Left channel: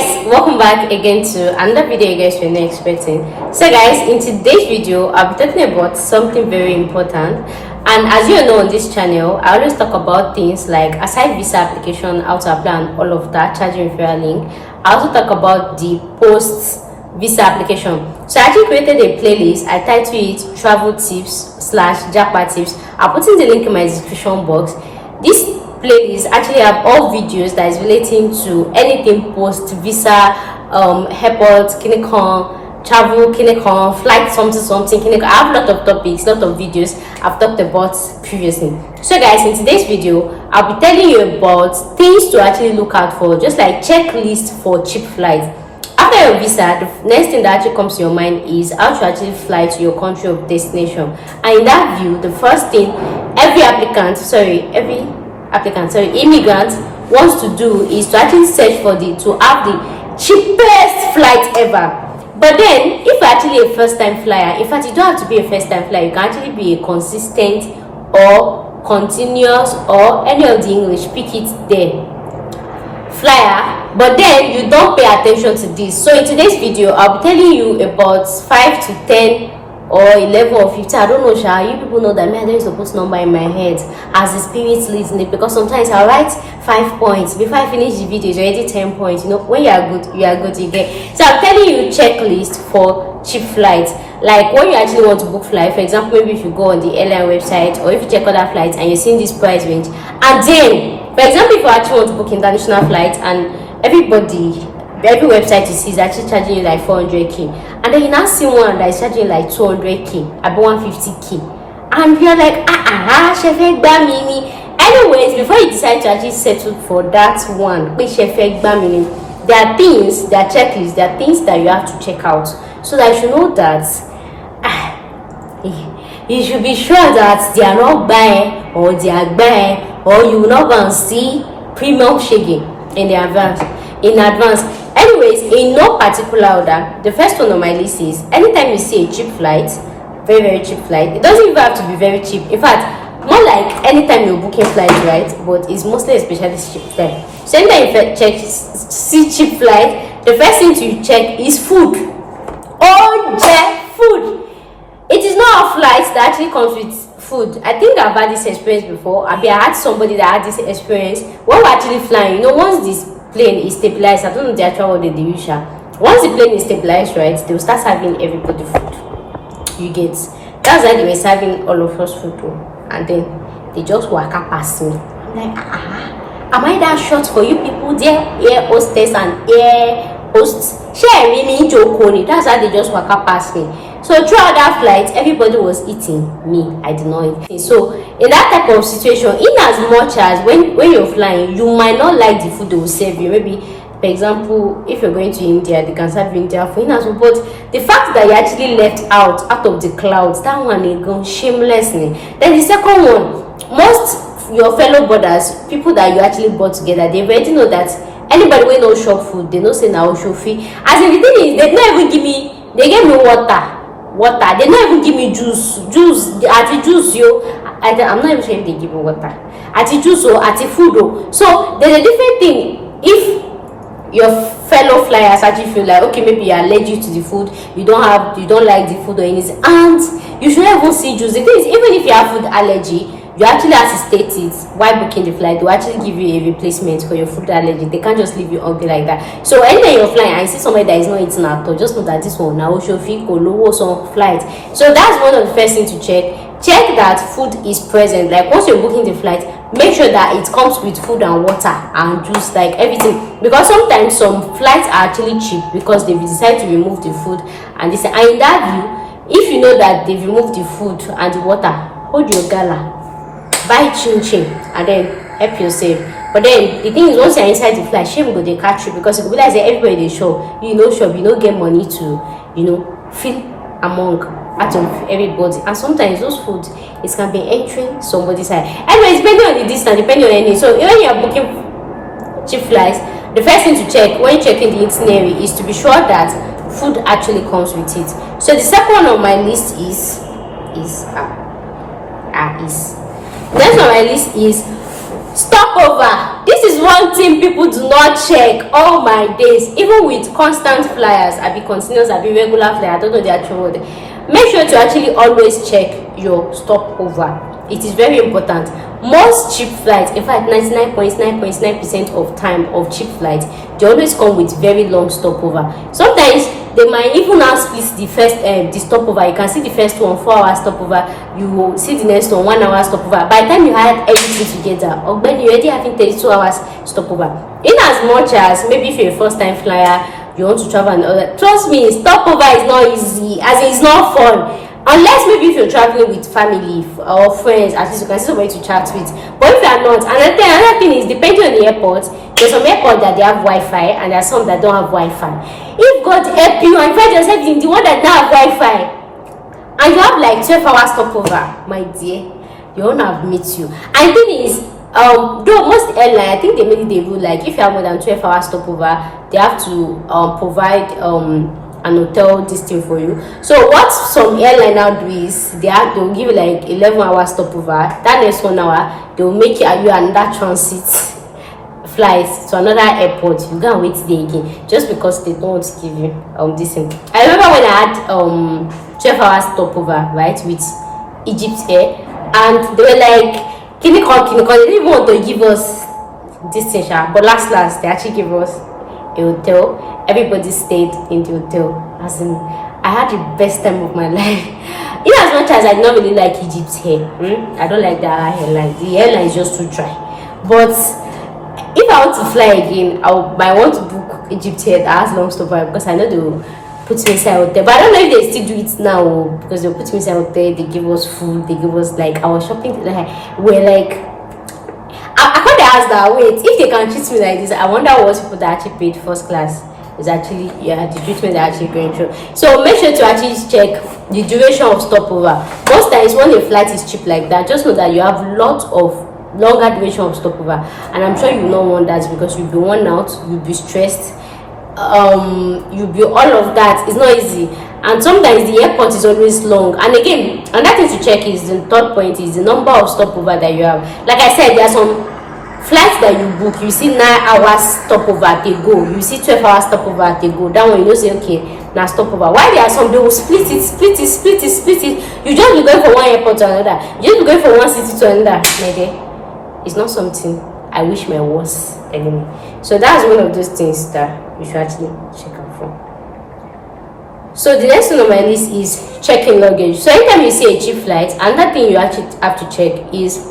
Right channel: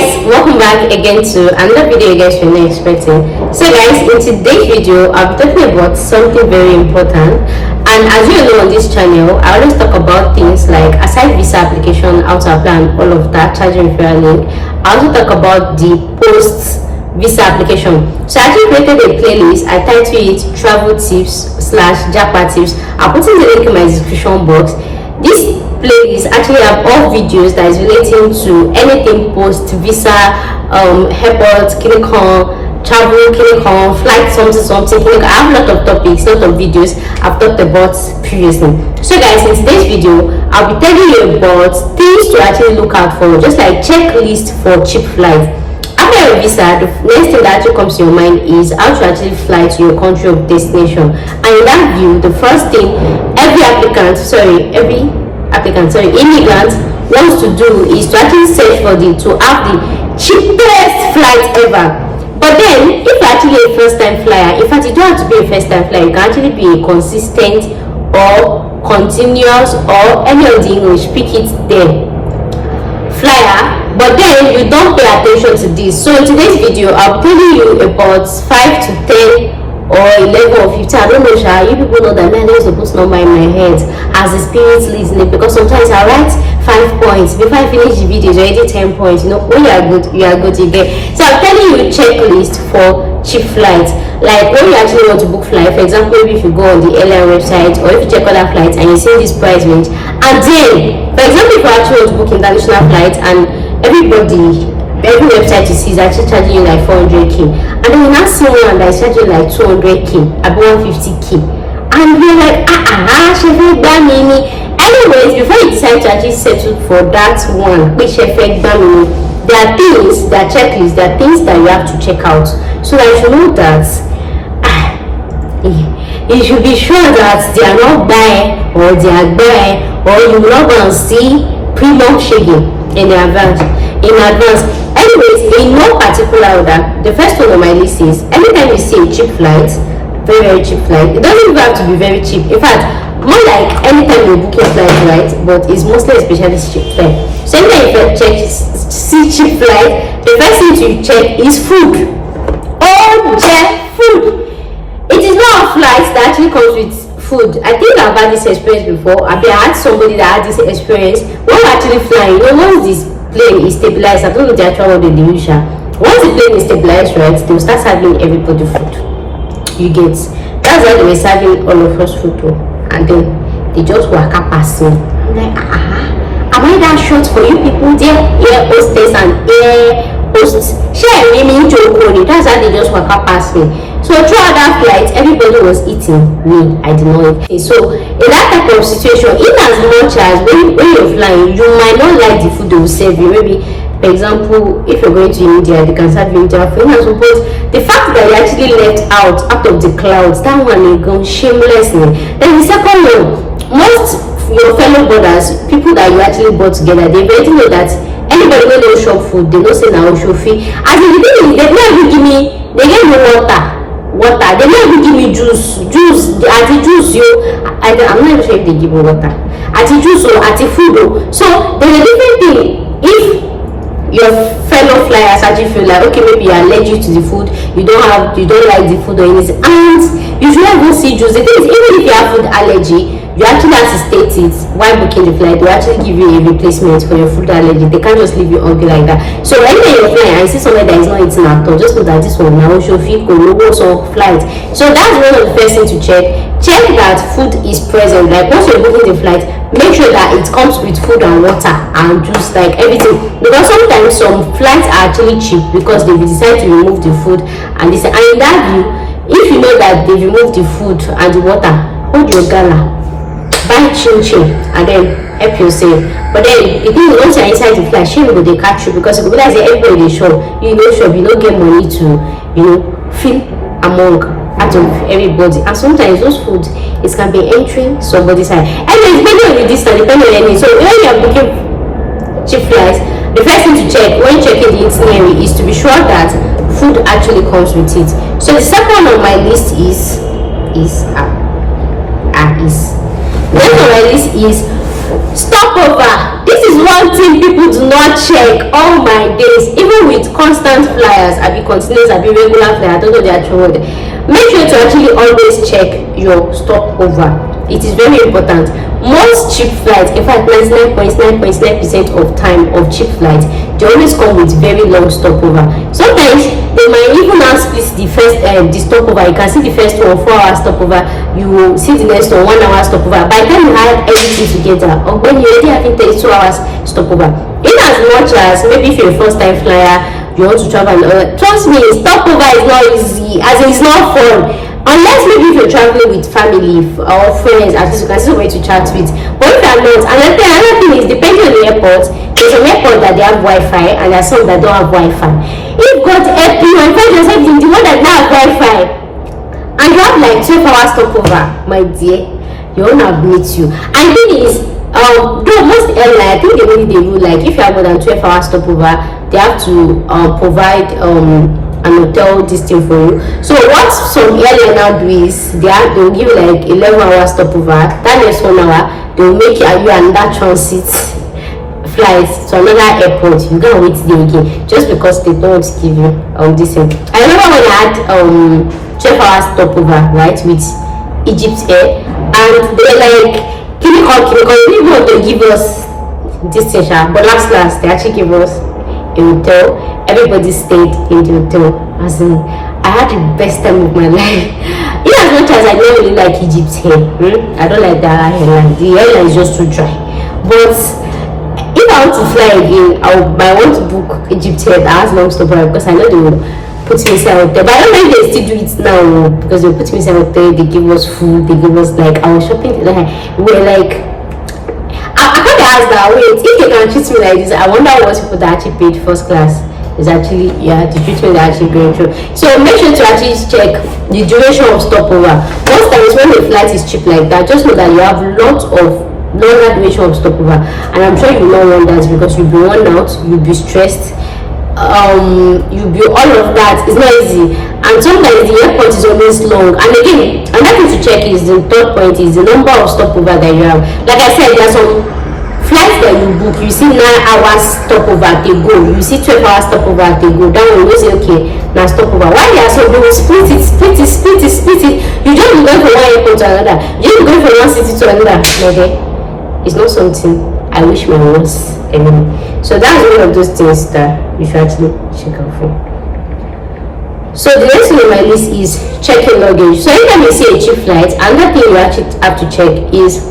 guys, welcome back again to another video you guys were not expecting. So guys, in today's video I'll be talking about something very important, and as you know on this channel I always talk about things like aside visa application, how to apply and all of that, charging referral link. I also talk about the post visa application. So I actually created a playlist. I titled it travel tips / jackpot tips. I'll put in the link in my description box. This playlist actually have all videos that is relating to anything post visa, airport, clinical, travel, clinical, flight, something clinical. I have a lot of topics, lot of videos I've talked about previously. So guys, in today's video I'll be telling you about things to actually look out for, just like checklist for cheap flight. After your visa, the next thing that actually comes to your mind is how to actually fly to your country of destination. And in that view, the first thing immigrant wants to do is to actually search for to have the cheapest flight ever. But then, if you're actually a first-time flyer, in fact, you don't have to be a first-time flyer. You can actually be a consistent or continuous or any of the English, pick it there, flyer. But then you don't pay attention to this. So in today's video I'll be telling you about 5 to 10 or 11 or 15. I don't know, you people know that me, I don't use to put number in my head as the spirit leads me, because sometimes I write 5 points before I finish the video. It's already 10 points. You know, when you are good you get. So I'm telling you checklist for cheap flights. Like when you actually want to book flight, for example, maybe if you go on the airline website or if you check other flights and you see this price range, and then for example if you actually want to book international flights and every website you see is actually charging you like 400k, and then you now see one that is charging like 200k, about 150k, and you're like anyways, before you decide to actually settle for that one which effect bamini, there are things, there are checklists, there are things that you have to check out, so that you should know that you should be sure that they are not buying or they are buying, or you will not go and see premium shaking in advance. Anyways, in no particular order, the first one on my list is anytime you see a cheap flight, very cheap flight, it doesn't even have to be very cheap. In fact, more like anytime you're booking flight, right? But it's mostly a specialist cheap flight. So anytime you see cheap flight, the first thing to check is food. Food. It is not a flight that actually comes with food. I think I've had this experience before. I had somebody that had this experience when we're actually flying. You know, once this plane is stabilized, I don't know the actual word they use. Once the plane is stabilized, right, they will start serving everybody food. You get. That's why they were serving all of us food too. And then they just walk up past me. I'm like, am I that short for you people there? Air hostess and air host. That's how they just walk up past me. So throughout that flight, everybody was eating. Me, I did not eat. So in that type of situation, in as much as when you're flying, you might not like the food they will serve you. Maybe, for example, if you're going to India, they can serve you Indian food. But the fact that you actually left out of the clouds, that one is gone shamelessly. Then the second one, most your fellow brothers, people that you actually brought together, they already know that anybody when don't shop food, they don't say now show fee. As in the thing is, they never give me, they get me water. They never give me juice at the juice I'm not even sure if they give me water at the juice or at the food. So there's a different thing. If your fellow flyers actually feel like, okay, maybe you're allergic to the food, you don't like the food or anything, and you should even see juice. The thing is, even if you have food allergy, you actually have to state it while booking the flight. They will actually give you a replacement for your food allergy. They can't just leave you hungry like that. So anytime you're flying and you see somebody that is not eating at all, just know that this one now should feel so flight. So that's one of the first things to check. Check that food is present. Like once you're booking the flight, make sure that it comes with food and water and juice, like everything. Because sometimes some flights are actually cheap because they decide to remove the food and this. And in that view, if you know that they removed the food and the water, hold your gala. Buy chin and then help yourself. But then the thing is, once you're inside the flight, shame go they catch you, because it will be like everybody they show you don't get money to fill among out of everybody, and sometimes those food it can be entering somebody's side. Anyways, depending on the distance, depending on any. So when you're booking cheap flights, the first thing to check when checking the itinerary is to be sure that food actually comes with it. So the second on my list is next on my list is Stopover. This is one thing people do not check. Oh my days. Even with constant flyers, be continuous, be regular flyer, I don't know the actual word. Make sure to actually always check your stopover. It is very important. Most cheap flights, in fact 99.9% of time of cheap flights, they always come with very long stopover. Sometimes they might even now split the first the stopover. You can see the first one 4-hour stopover, you will see the next one 1-hour stopover. By the time you add everything together, or when you're already having 32 hours stopover, in as much as maybe if you're a first-time flyer, you want to travel and all that, trust me, stopover is not easy, as it's not fun. Unless maybe if you're traveling with family or friends, at least you can see somebody to chat with. But if you're not, another thing is, depending on the airport, there's some airports that they have Wi-Fi and there's some that don't have Wi-Fi. If God help you and find yourself in the one that don't have Wi-Fi and you have like 12 hours stopover, my dear, you won't have meet you. And the thing is, though most airlines, I think they really rule like if you have more than 12 hours stopover, they have to provide an hotel this thing for you. So what some airline now do is they'll give you like 11 hours stopover. That next 1 hour they'll make you another transit flights to another airport. You can't wait there again just because they don't give you this thing. I remember when I had 12 hours stopover, right, with Egypt Air, and they were like clinical, they didn't even want to give us this session, but last they actually gave us a hotel. Everybody stayed in the hotel. As in, I had the best time of my life. In as much as I don't really like Egypt here, I don't like that airline. The airline is just too dry. But if I want to fly again, I want to book Egypt here that has long stopover, because I know they will put me inside hotel. But I don't know if they still do it now, because they put me inside hotel. They give us food. They give us like our shopping. We're like, I can't ask that. Wait, if they can treat me like this, I wonder what people that actually paid first class is actually the treatment they're actually going through. So make sure to actually check the duration of stopover. Most times when the flight is cheap like that, just know that you have lots of longer duration of stopover, and I'm sure you will not want that, because you'll be worn out, you'll be stressed, you'll be all of that. It's not easy, and sometimes the airport is always long. And again, another thing to check is the third point is the number of stopover that you have. Like I said, there are some flights that you book, you see 9 hours stopover they go, you see 12 hours stopover they go. That one you say okay, now stopover. Why there are some, they will split it. You just be going from one airport to another, you just be going from one city to another. Okay, it's not something I wish my was anymore. So that's one of those things that you should actually check out for. So the next thing on my list is checking luggage. So anytime you see a cheap flight, another thing you actually have to check is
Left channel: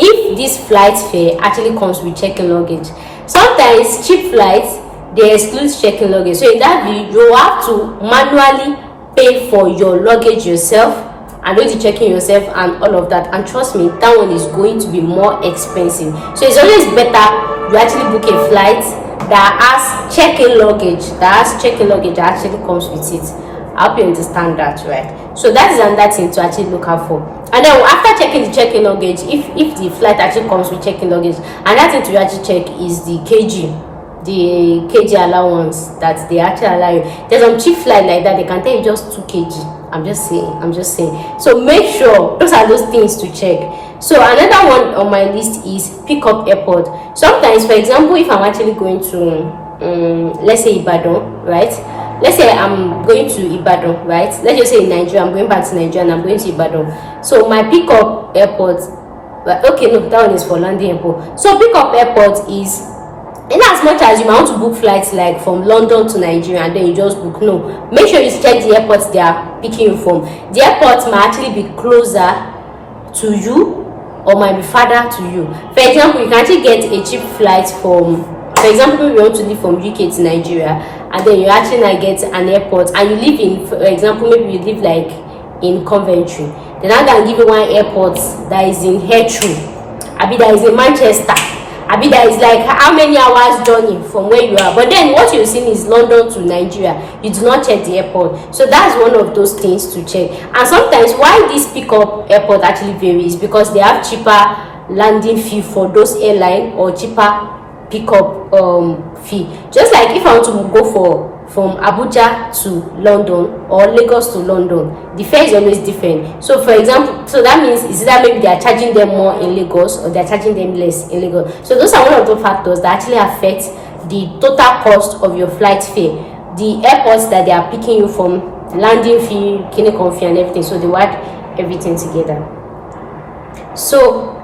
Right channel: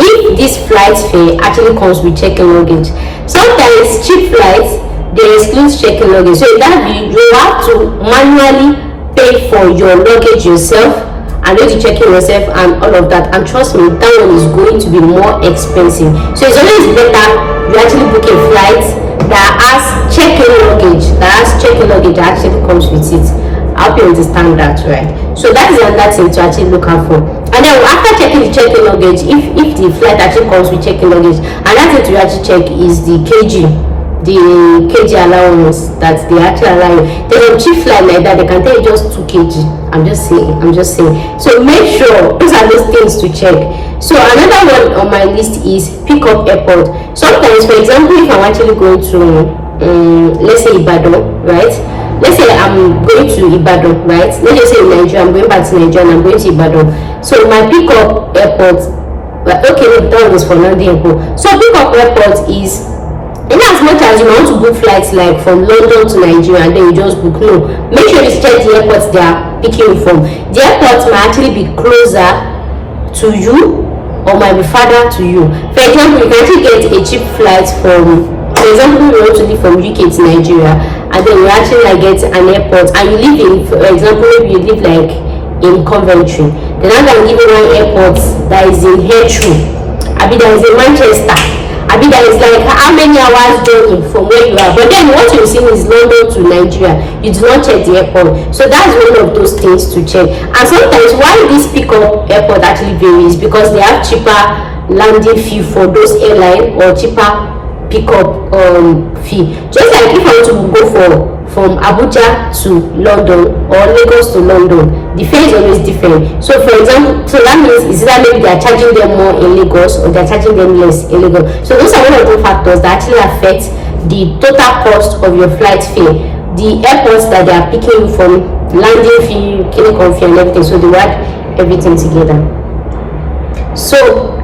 if this flight fare actually comes with check-in luggage. Sometimes cheap flights, they exclude check-in luggage. So in that view, you have to manually pay for your luggage yourself and do the check-in yourself and all of that. And trust me, that one is going to be more expensive. So it's always better you actually book a flight that has check-in luggage, that actually comes with it. I hope you understand that, right? So that is another thing to actually look out for. And then after checking the check-in luggage, if the flight actually comes with check-in luggage, another thing to actually check is the kg allowance that they actually allow you. There's a cheap flight like that, they can tell you just 2 kg. I'm just saying. So make sure those are those things to check. So another one on my list is pick up airport. Sometimes, for example, if I'm actually going to let's say Ibadan, right? Let's say I'm going to Ibadan, right? Let's just say in Nigeria, I'm going back to Nigeria and I'm going to Ibadan. So my pick-up airport, okay, look, that one is for London airport. So pick-up airport is, in as much as you want to book flights like from London to Nigeria and then you just book, no. Make sure you check the airports they are picking you from. The airports might actually be closer to you or might be farther to you. For example, you can actually get a cheap flight from, for example, we want to leave from UK to Nigeria, and then you actually like get an airport, and you live in, for example, maybe you live like in Coventry. Then I can give you one airport that is in Heathrow. That is in Manchester. That is like how many hours journey from where you are. But then what you're seeing is London to Nigeria. You do not check the airport. So that's one of those things to check. And sometimes why this pickup airport actually varies, because they have cheaper landing fee for those airlines or cheaper pickup fee. Just like if I want to go for from Abuja to London or Lagos to London, the fare is always different. So for example, so that means is that maybe they are charging them more in Lagos or they are charging them less in Lagos. So those are one of the factors that actually affect the total cost of your flight fare. The airports that they are picking you from, landing fee, clinical fee and everything, so they add everything together. So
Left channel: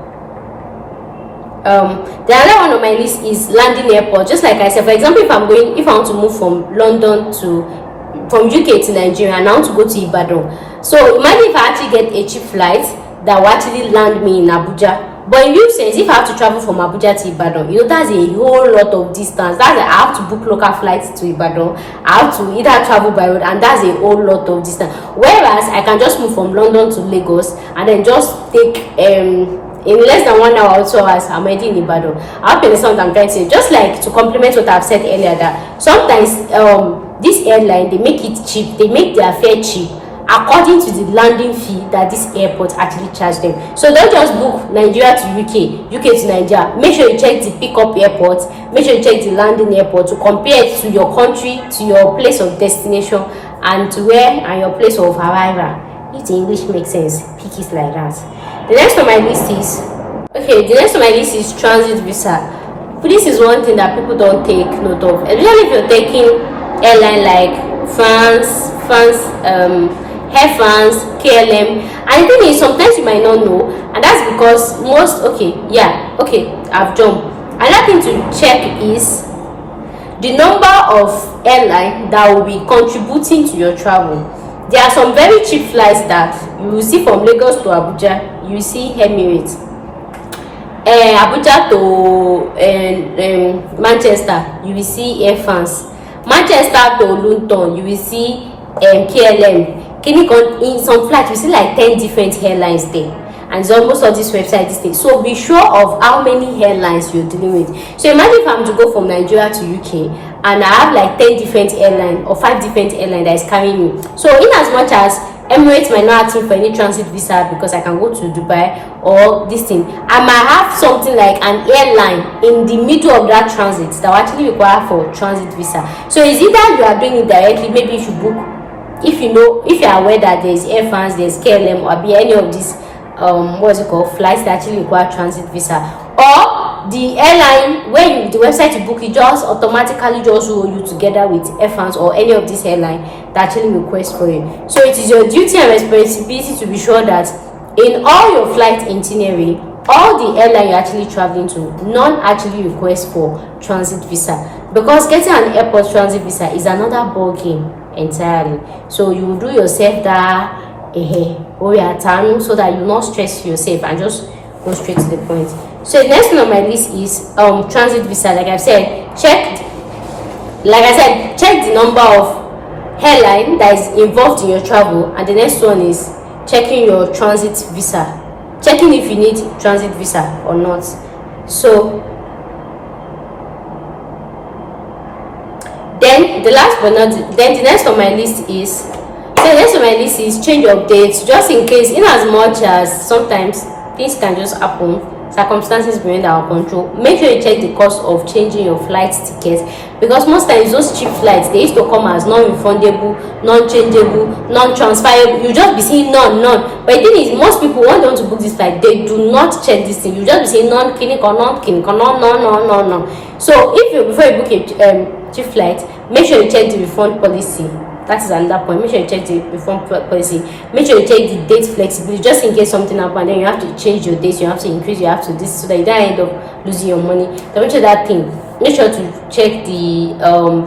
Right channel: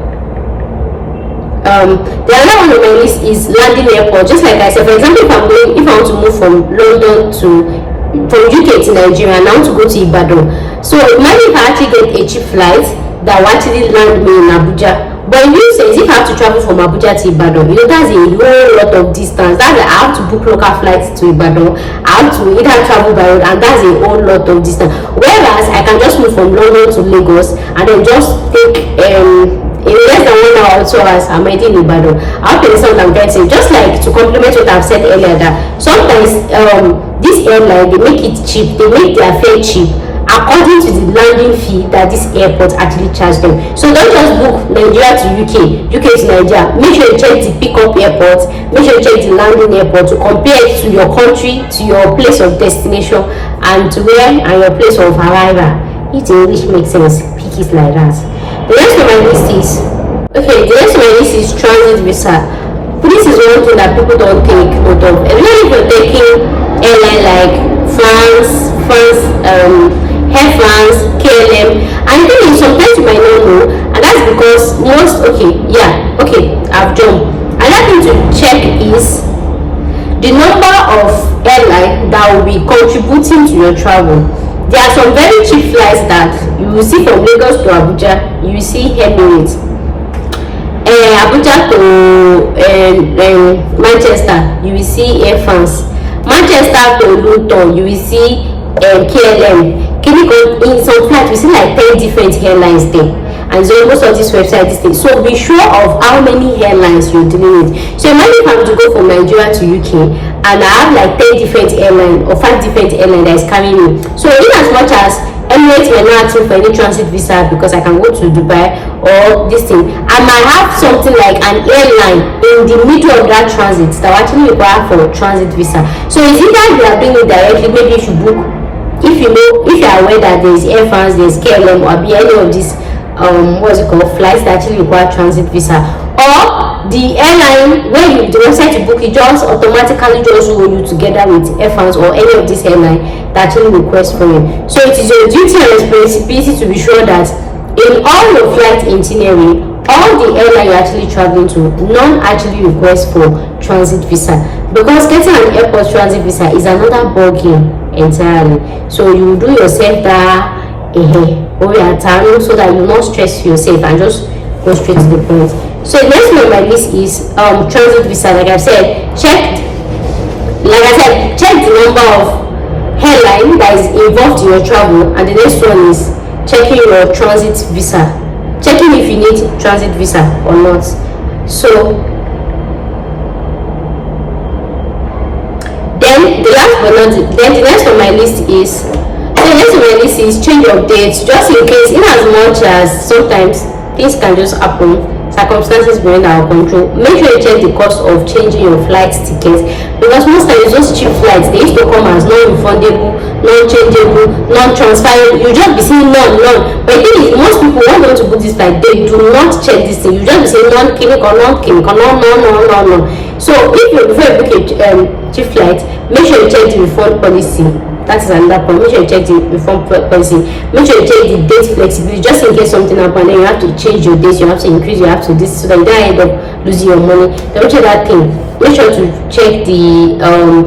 the other one on my list is landing airport. Just like I said, for example, if I want to move from London from UK to Nigeria and I want to go to Ibadan, so imagine if I actually get a cheap flight that will actually land me in Abuja. But in real sense, if I have to travel from Abuja to Ibadan, that's a whole lot of distance. I have to book local flights to Ibadan, I have to either travel by road, and that's a whole lot of distance. Whereas I can just move from London to Lagos and then just take in less than 1 hour or 2 hours, I'm already in Ibadan. I hope you understand what I'm trying to say. Just like to complement what I've said earlier, that sometimes this airline, they make it cheap, they make their fare cheap according to the landing fee that this airport actually charge them. So don't just book Nigeria to UK to Nigeria. Make sure you check the pickup airport, make sure you check the landing airport to compare it to your country, to your place of destination, and to where and your place of arrival. If the English makes sense, pick it like that. The next on my list is transit visa. But this is one thing that people don't take note of, especially if you're taking airline like France, Air France, KLM. And the thing is, sometimes you might not know, and that's because I've jumped. Another thing to check is the number of airline that will be contributing to your travel. There are some very cheap flights that you will see from Lagos to Abuja. You will see Emirates. Abuja to Manchester, you will see Air France. Manchester to Luton, you will see KLM. In some flights, you see like 10 different airlines there. And it's almost on this website this thing. So be sure of how many airlines you're dealing with. So imagine if I'm to go from Nigeria to UK and I have like 10 different airlines or 5 different airlines that is carrying me. So in as much as Emirates might not ask me for any transit visa because I can go to Dubai or this thing, I might have something like an airline in the middle of that transit that will actually require for transit visa. So it's either you are doing it directly, maybe you should book, if you are aware that there is Air France, there is KLM, or be any of these flights that actually require transit visa, or the airline when the website you book, it just automatically just roll you together with Air France or any of these airline that actually request for you. So it is your duty and responsibility to be sure that in all your flight itinerary, all the airline you're actually traveling to, none actually request for transit visa, because getting an airport transit visa is another ball game entirely. So you do yourself that so that you not stress yourself and just go straight to the point. So the next one on my list is transit visa. Like I said, check the number of airline that is involved in your travel, and the next one is checking your transit visa, checking if you need transit visa or not. So then the next on my list is change of dates, just in case, in as much as sometimes things can just happen, circumstances beyond our control. Make sure you check the cost of changing your flight tickets, because most times those cheap flights, they used to come as non-refundable, non-changeable, non-transferable. You just be saying none. But the thing is, most people, when they want to book this flight, they do not check this thing. You just be saying non-clinic or non-clinic or no. So before you book a cheap flight, make sure you check the refund policy. That is another point. Make sure you check the refund policy. Make sure you check the date flexibility, just in case something happens, and then you have to change your dates, you have to increase, you have to this, so that you don't end up losing your money. Don't check that thing. Make sure to check the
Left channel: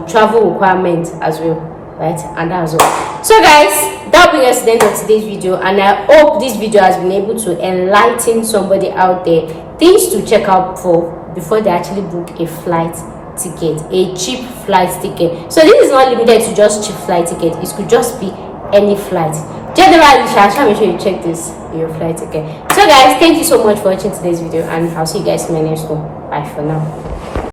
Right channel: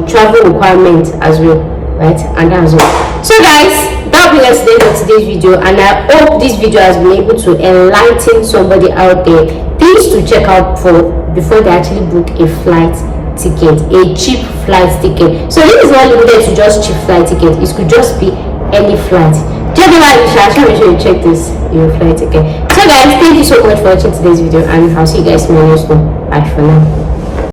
travel requirements as well, right? And that's all. So guys, that will bring us to the end of today's video, and I hope this video has been able to enlighten somebody out there things to check out for before they actually book a flight ticket, a cheap flight ticket. So this is not limited to just cheap flight ticket, it could just be any flight. Generally, make sure you check this your flight ticket. So guys, thank you so much for watching today's video, and I'll see you guys in my next one. Bye for now.